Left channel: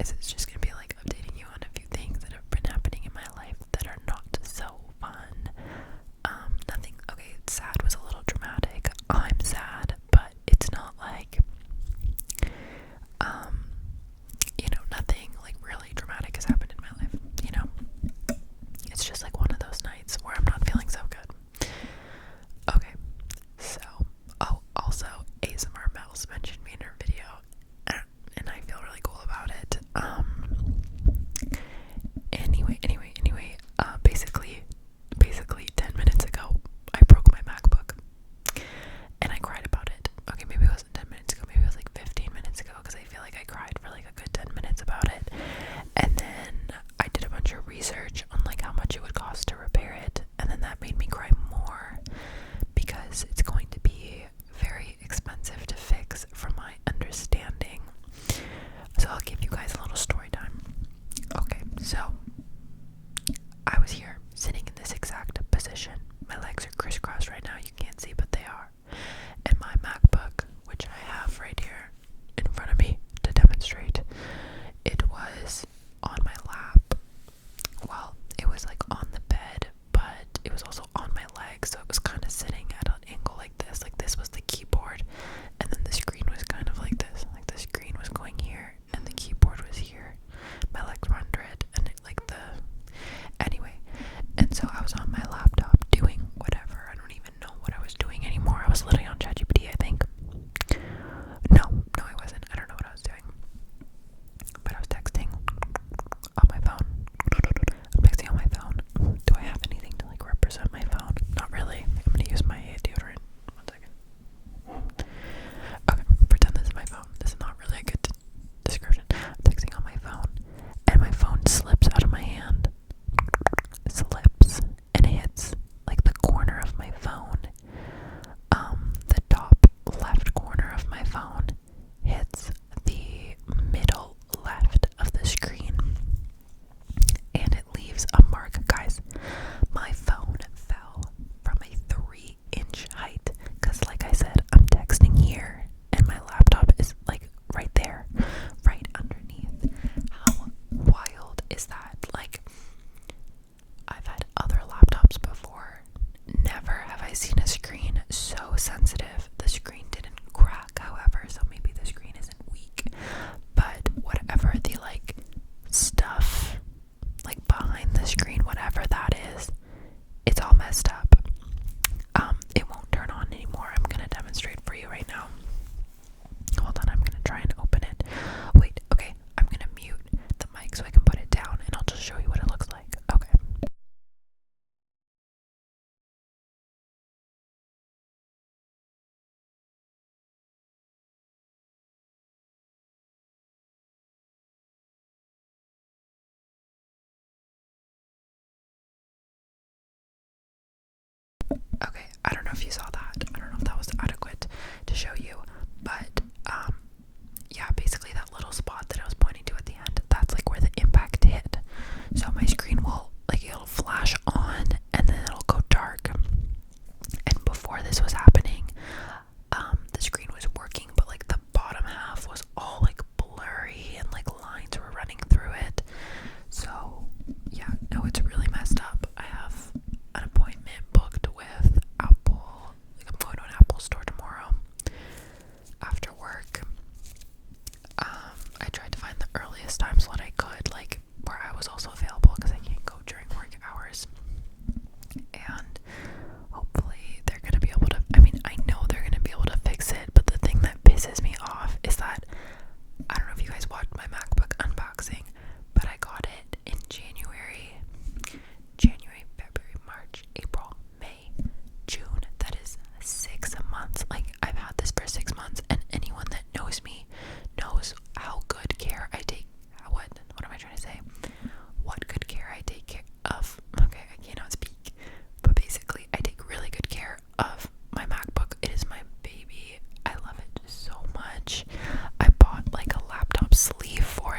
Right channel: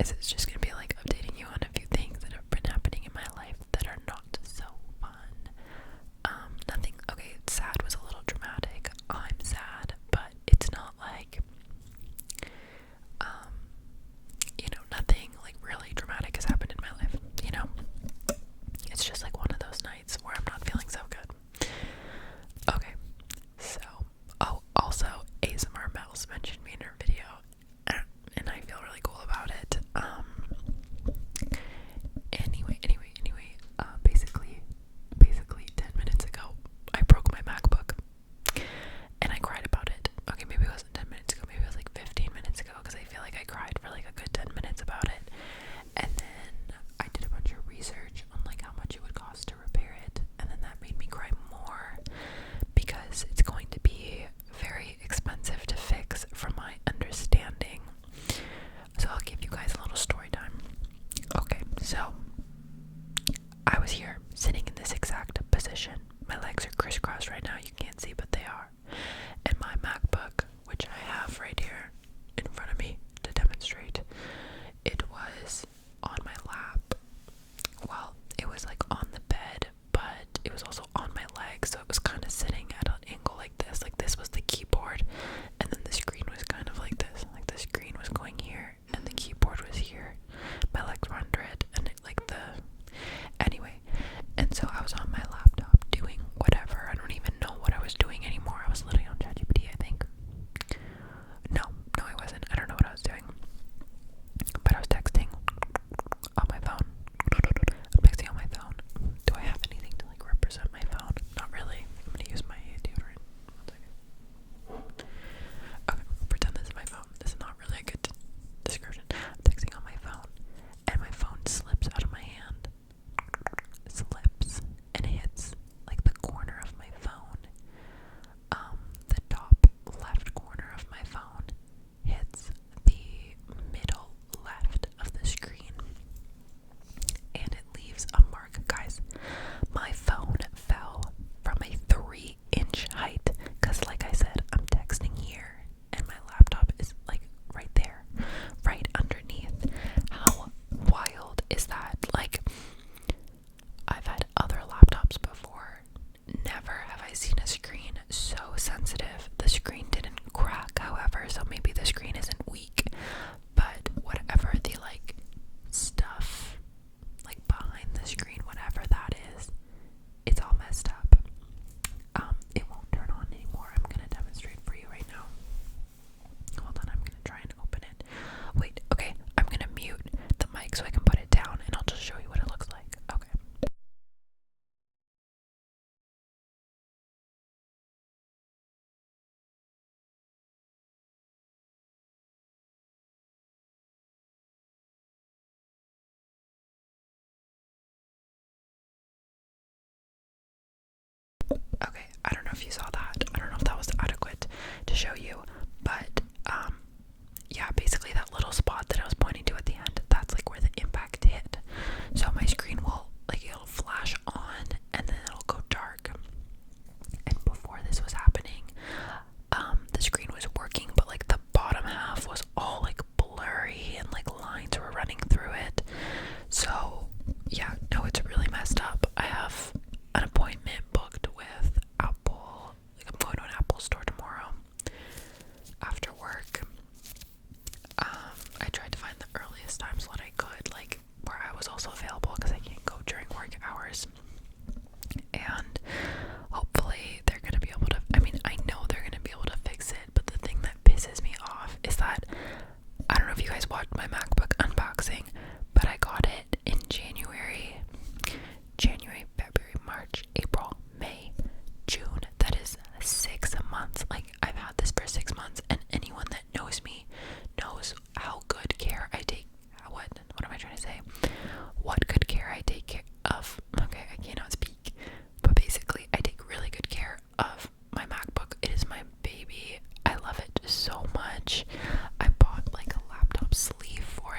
is it's just gonna be like updating you on a few things that have been happening in my life that are not so fun. Nothing, okay, sad was a little dramatic. I'm sad, but it's not like, nothing like really dramatic has happened in my life. It's just like one of those nights where I'm not feeling so good. Okay, so, oh, also, ASMR Mouse mentioned me in her video, and I feel really cool about it. Basically 10 minutes ago, I broke my MacBook, and I cried about it. Okay, maybe it wasn't 10 minutes ago, maybe it was like 15 minutes ago, because I feel like I cried for like a good 10 minutes about it, and then I did a bunch of research on like how much it would cost to repair it, and then that made me cry more, because it's going to be very expensive to fix from my understanding. So I'll give you guys a little story time. Okay, so I was here sitting in this exact position. My legs are crisscrossed right now, you can't see, but they are. And my MacBook, which I have right here in front of me to demonstrate, it was on my lap. Well, it was like on the bed, but it was also on my leg, so it was kind of sitting at an angle like this. Like this was the keyboard, and then the screen was kind of like this. Like the screen was going here, and the keyboard was here. My legs were under it, and anyway. And so I was on my laptop doing whatever. I don't even know what I was doing anymore. I was literally on ChatGPT, I think. No, I wasn't. I don't know what I was doing. But I was texting on my phone. I'm texting on my phone. Do I have anything to like represent my phone? Not really. I'm gonna use my deodorant. 1 second. Okay, pretend this is my phone. This is not really a good description. I'm texting on my phone, and my phone slips out of my hand. Slips, and it hits like the corner of my phone. The top left corner of my phone hits the middle left of the screen, and it leaves a mark. Guys, my phone fell from a 3-inch height, because like I said, I'm texting here and my laptop is like right there, right underneath. How wild is that? Like, I've had other laptops before. Never have I seen a screen so sensitive. The screen didn't crack, however, so maybe the screen isn't weak, but whatever the like stuff like behind the screen, whatever that is, it's all messed up. It won't turn on anymore. I'm gonna demonstrate for you right now. Hold on, I'm gonna try and open it. Wait, okay, I'm gonna mute the mic so I can put it down, and I'll just show you what it looks like. Okay. Okay, I don't know if you saw that. I don't know if that was adequate to show you, but yeah, basically that little spot that I was pointing to at the end, that's like where the impact hit. So my screen will, like, it'll flash on and then it'll go dark. And before this was happening, the screen was working, but like the bottom half was all like blurry and like lines were running through it. So yeah, no, it's really messed up. I have an appointment booked with Apple. Like, I'm going to an Apple store tomorrow after work. I tried to find the earliest time slot I could, like where I was also available, because I can't go during work hours. And hopefully they're gonna be able to, I know they're gonna be able to fix it, but the thing that pisses me off is that, I don't know if you guys watched my MacBook unboxing, but I got it in January, February, March, April, May, June. That is 6 months. Like, I've had this for 6 months, and anyone that knows me knows how good care I take. What am I trying to say? What good care I take care of. Okay, I cannot speak. But basically, I take really good care of my MacBook. It is my baby. I love it so much. I bought like a laptop sleeve for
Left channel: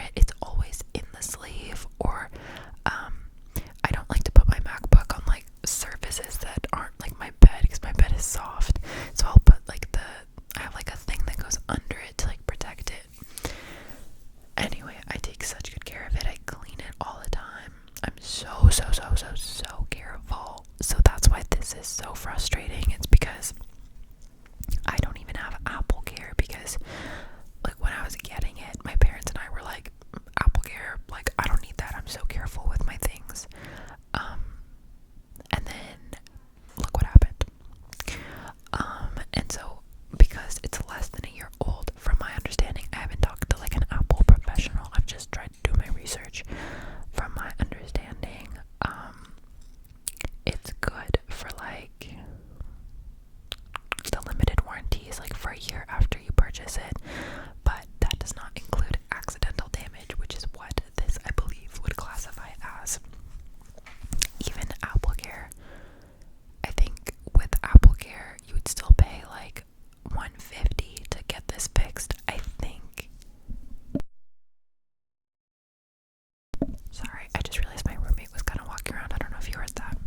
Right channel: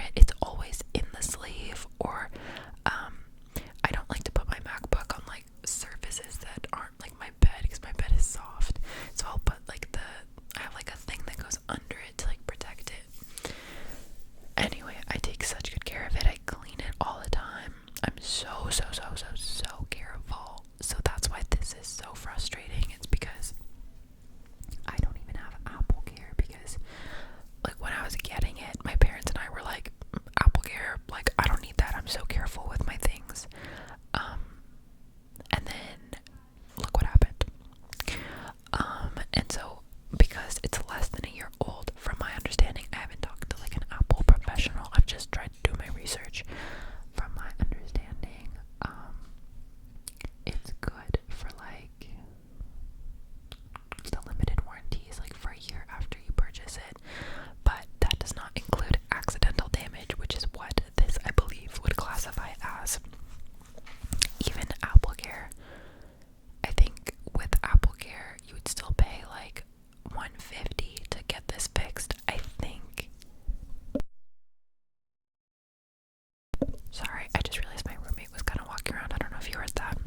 Sorry, I just realized my roommate was kind of walking around. I don't know if you heard that.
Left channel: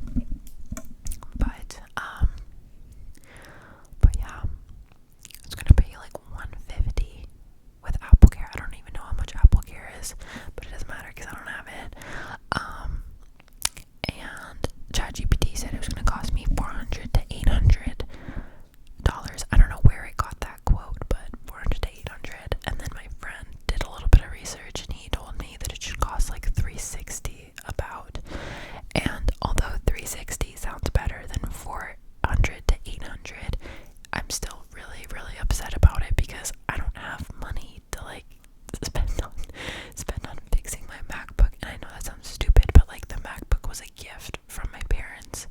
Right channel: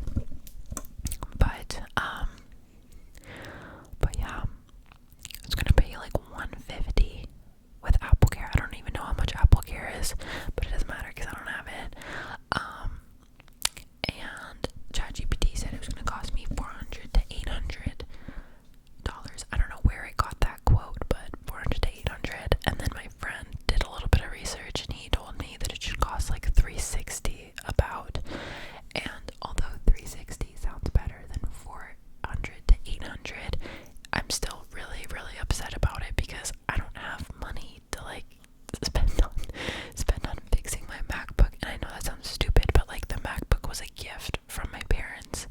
But yeah, it's gonna pay like $150 with Apple Care. I don't even know how much Apple Care is, but it doesn't matter because I don't have it. And ChatGPT said it was gonna cost me $400 to $800. I don't know where I got that quote, but $400 to $800. And then my friend did a little bit of research, and he told me that it should cost like $360 about. And although $360 sounds better than $400 to $800, I'm still really, really upset about it because I don't have money to like spend on fixing my MacBook. And I know that sounds stupid, but like the MacBook was a gift from my parents,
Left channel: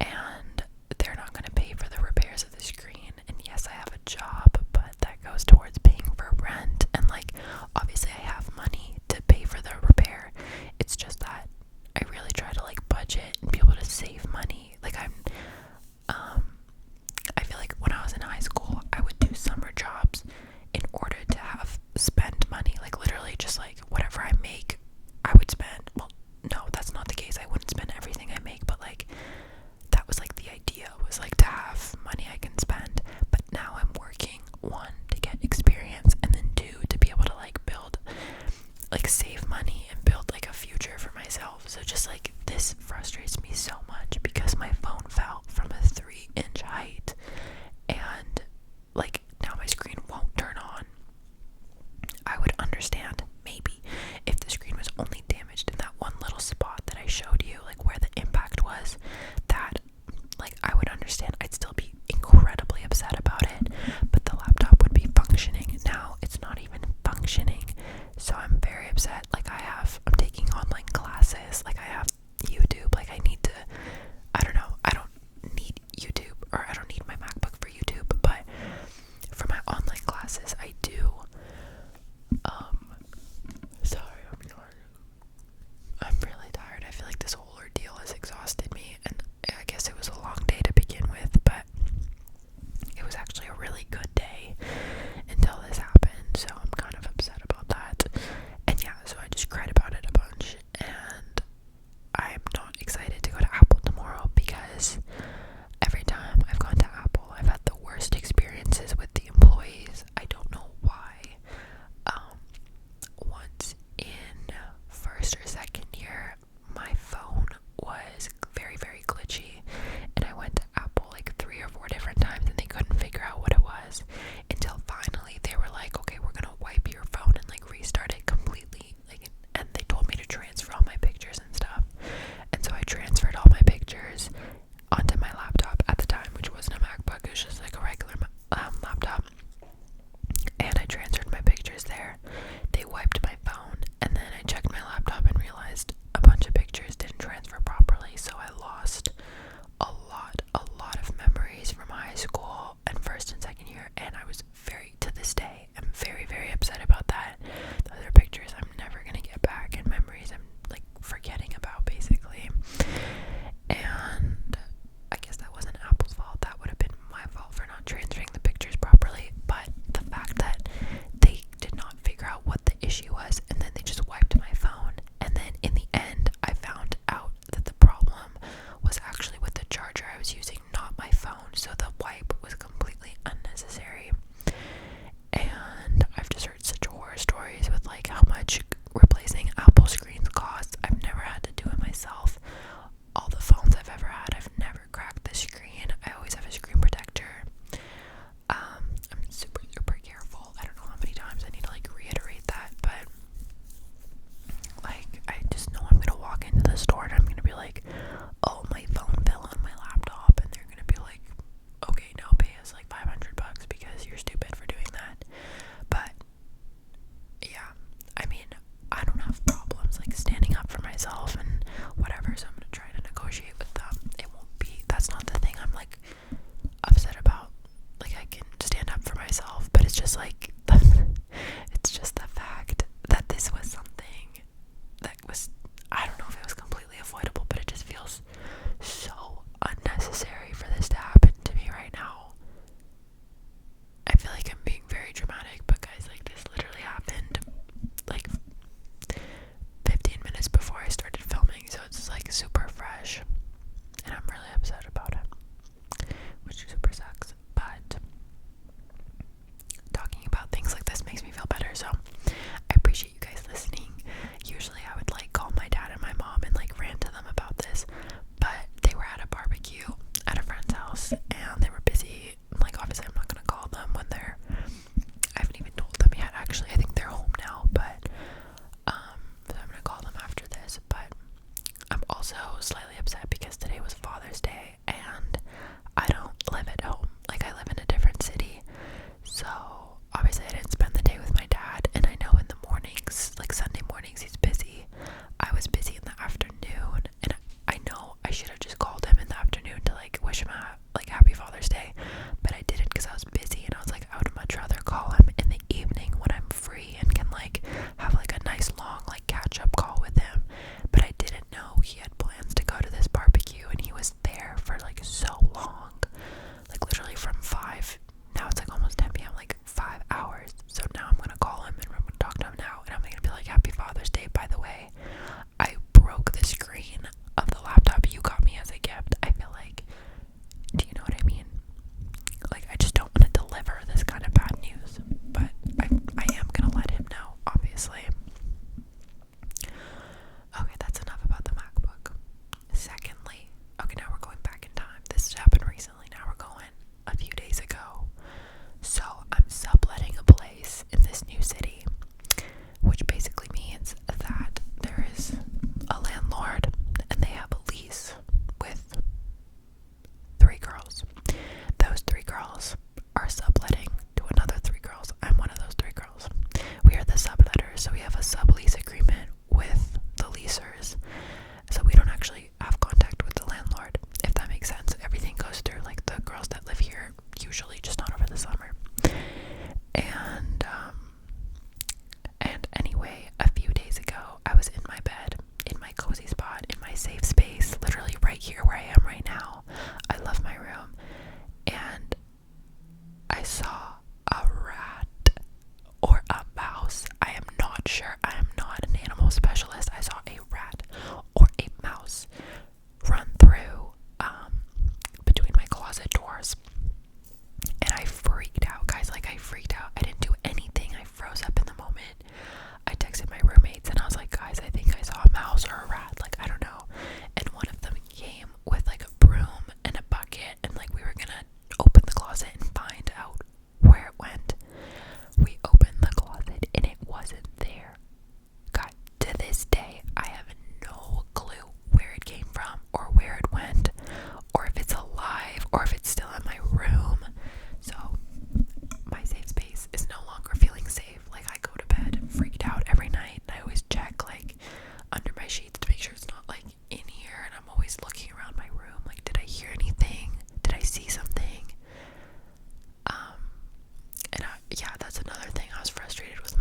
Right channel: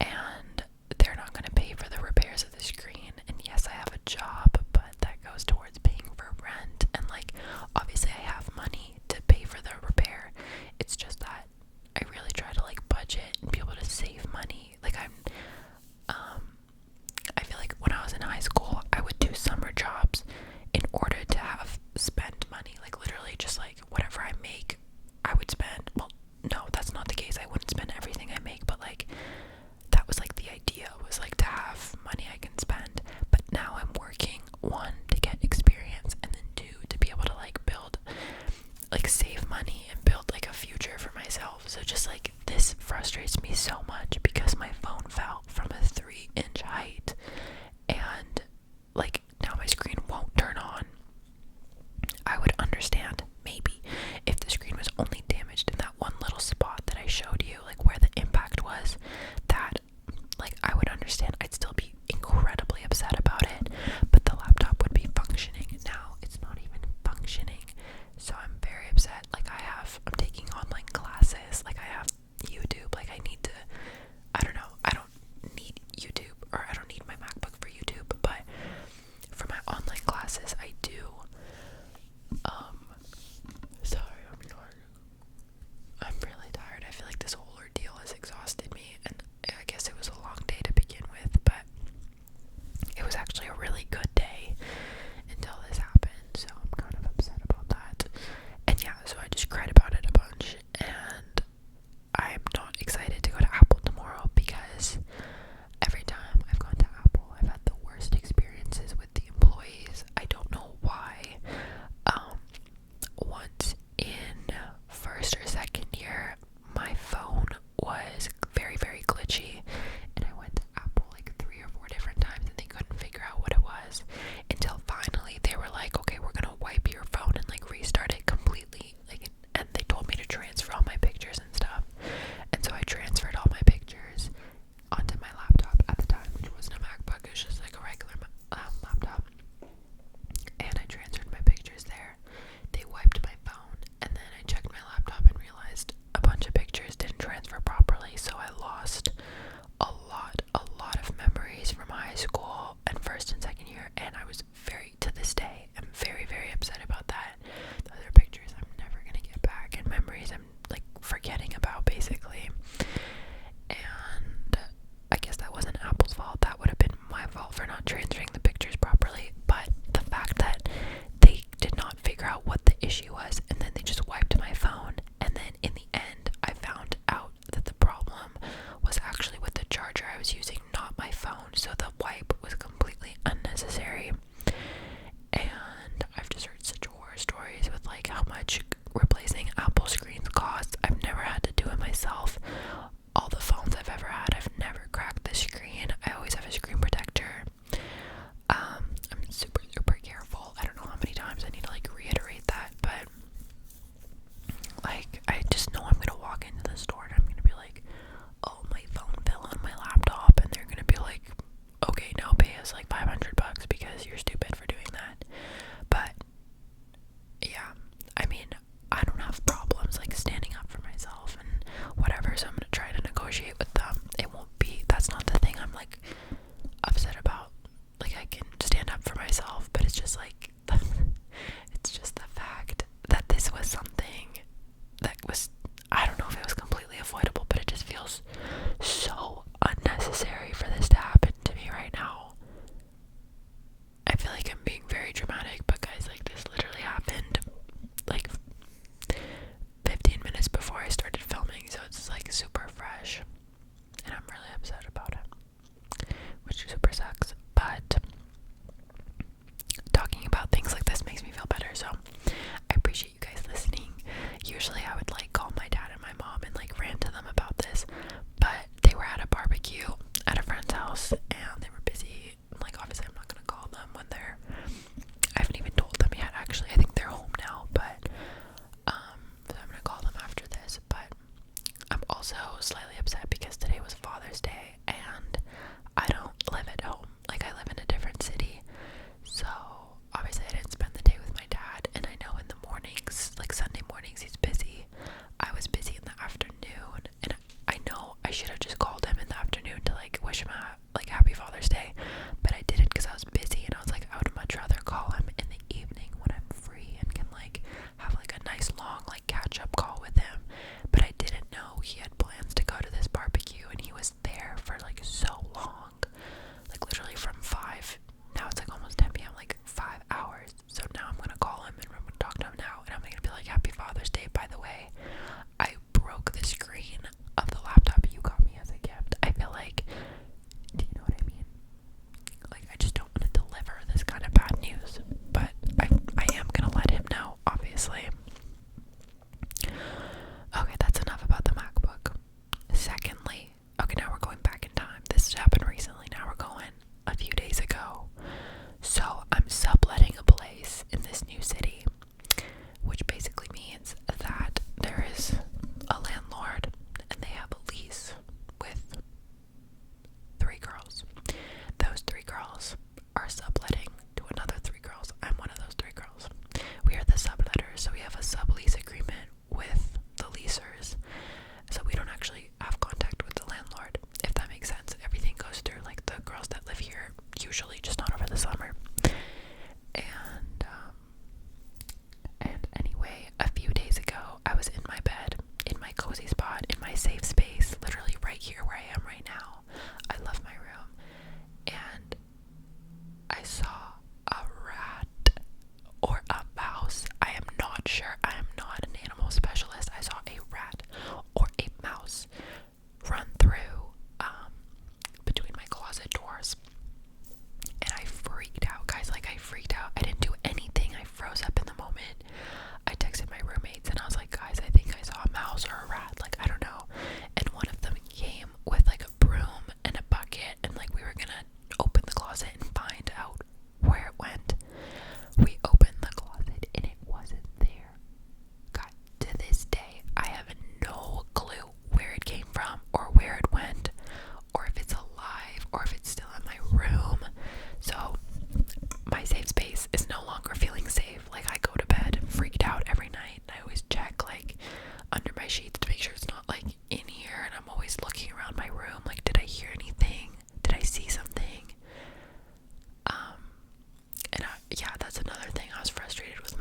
and they're not going to pay for the repairs of the screen. And yes, I have a job, but that goes towards paying for rent, and like obviously I have money to pay for the repair. It's just that I really try to like budget and be able to save money. Like I feel like when I was in high school, I would do summer jobs in order to have spend money. Like literally just like whatever I make, I would spend. Well, no, that's not the case. I wouldn't spend everything I make, but like that was like the idea, was like to have money I can spend. But now I'm working, one, to get experience, and then two, to be able to like build, like save money and build like a future for myself. So just like this frustrates me so much because my phone fell from a 3-inch height, and like now my screen won't turn on. I would understand maybe if the screen was only damaged in that one little spot that I showed you, like where the impact was, that like I would understand. I'd still be incredibly upset about it, but the laptop would be functioning. Now it's not even functioning, so I'm very upset. Like I'm taking online classes, like I have YouTube, like I need to, I don't know, I don't need YouTube, or I don't need my MacBook for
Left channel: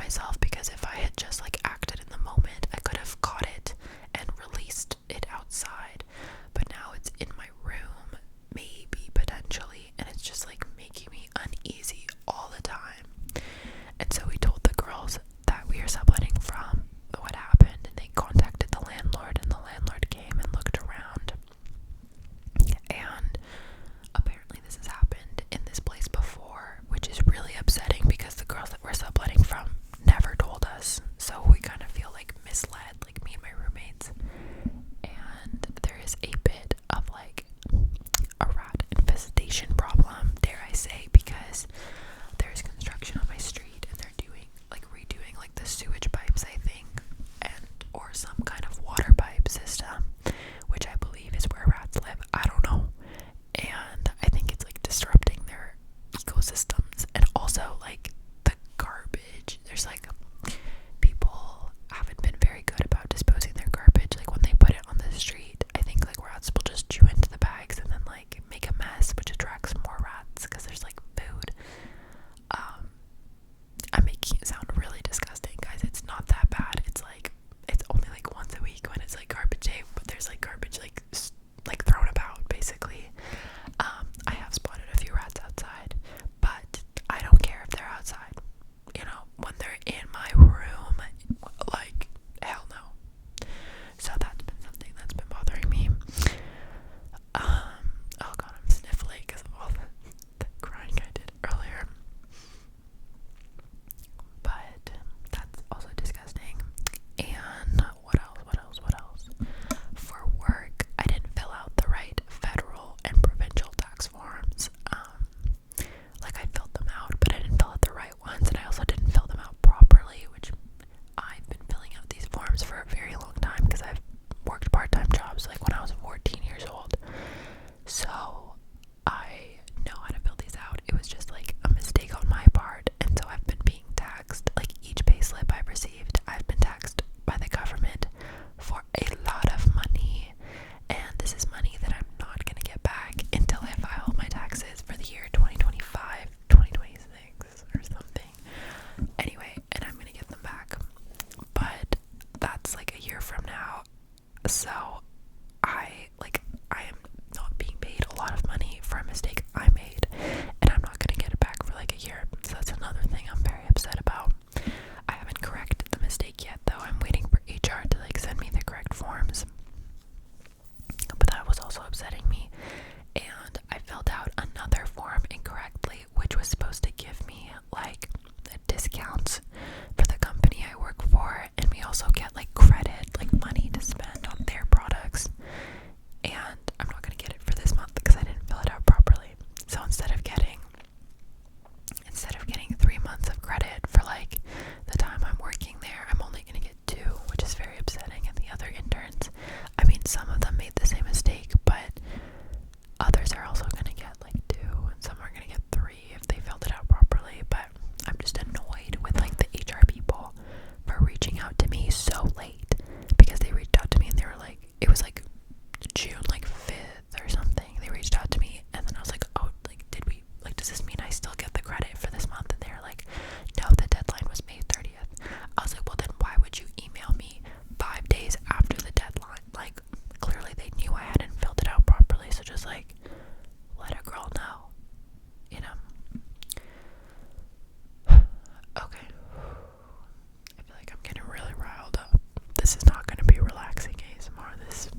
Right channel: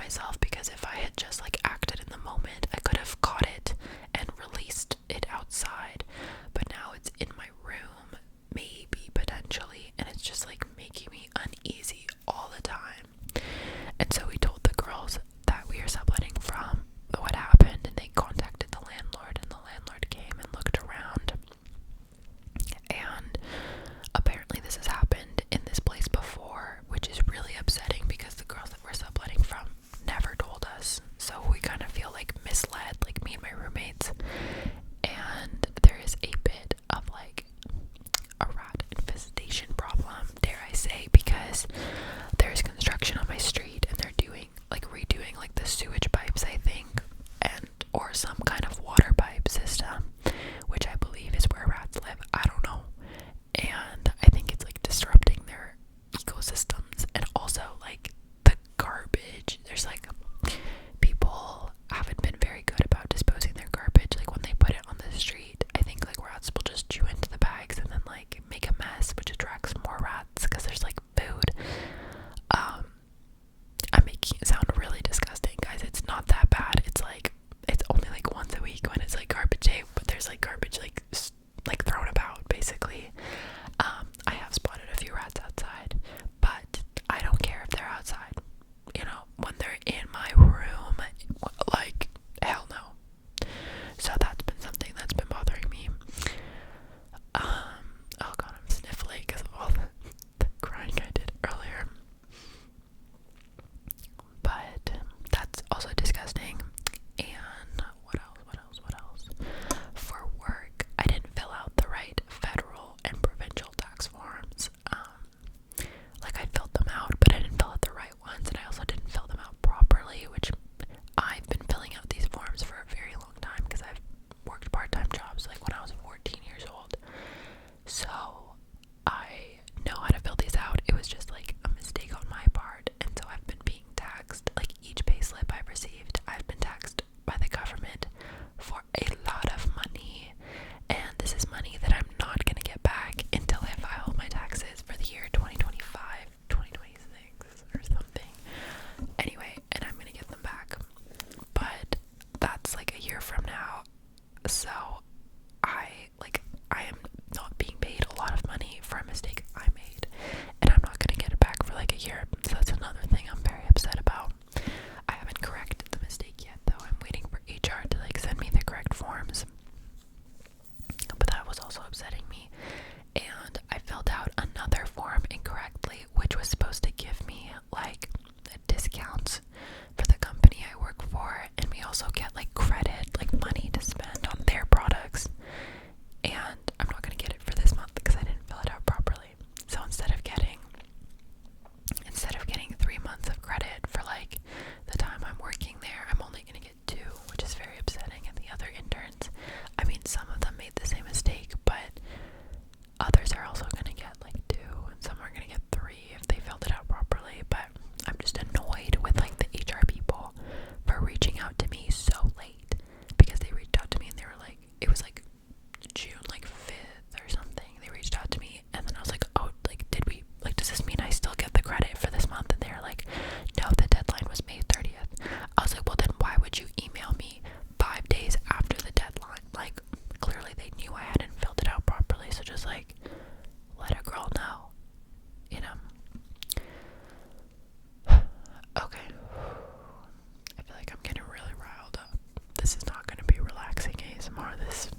myself, because if I had just like acted in the moment, I could have caught it and released it outside. But now it's in my room, maybe, potentially, and it's just like making me uneasy all the time. And so we told the girls that we are subletting from what happened, and they contacted the landlord, and the landlord came and looked around. And apparently this has happened in this place before, which is really upsetting because the girls that we're subletting from never told us. So we kind of feel like misled, like me and my roommates. And there is a bit of like a rat infestation problem, dare I say, because there's construction on my street and they're redoing like the sewage pipes, I think, and or some kind of water pipe system, which I believe is where rats live. I don't know. And I think it's like disrupting their ecosystems. And also like the garbage, there's like people haven't been very good about disposing their garbage. Like when they put it on the street, I think like rats will just chew into the bags and then like make a mess, which attracts more rats because there's like food. I'm making it sound really disgusting, guys. It's not that bad. It's only like once a week when it's like garbage day, but there's like garbage like thrown about basically. I have spotted a few rats outside, but I don't care if they're outside. You know, when they're in my room, like hell no. So that's been something that's been bothering me. Oh god, I'm sniffling because of all the crying I did earlier. But that's also disgusting. And what else? For work, I didn't fill out the right federal and provincial tax forms. Like I filled them out, but I didn't fill out the right ones, and I also didn't fill them out properly, which I've been filling out these forms for a very long time because I've worked part-time jobs like when I was 14 years old. So I know how to fill these out. It was just like a mistake on my part, and so I've been being taxed. Like each pay slip I've received, I've been taxed by the government for a lot of money, and this is money that I'm not gonna get back until I file my taxes for the year 2025, 2026 or something. Anyway, and I'm gonna get them back, but that's like a year from now. So I am not being paid a lot of money for a mistake I made, and I'm not gonna get it back for like a year. So that's another thing I'm very upset about. I haven't corrected the mistake yet though. I'm waiting for HR to like send me the correct forms. But that was also upsetting me. And I filled out another form incorrectly, which was supposed to give me like discounts for the company I work for, and we also get like credit, like money to spend on their products. And I'm not gonna get it for this month because I didn't fill it out properly. So instead of getting 3 months of credit for like the time I'm working there, I'm only gonna get 2, which is very upsetting. And the other interns, I mean, some of them made the same mistake, but others are also gonna get like 2, and some are gonna get 3 if they filled it out properly. But I'm just annoyed with like the HR people for reaching out to me so late, because they reached out to me and they were like, it was like June like 5th or something. They reached out to me, and then I was like, oh, like does this mean I still get the credit for this month? And they were like, no, the deadline was May 30th. I was like, well then why would you email me 5 days after the deadline? Like clearly they knew I hadn't filled it out properly, so just like let a girl know, you know. Okay, I feel like I'm getting really riled up. This is not going to be relaxing ASMR. This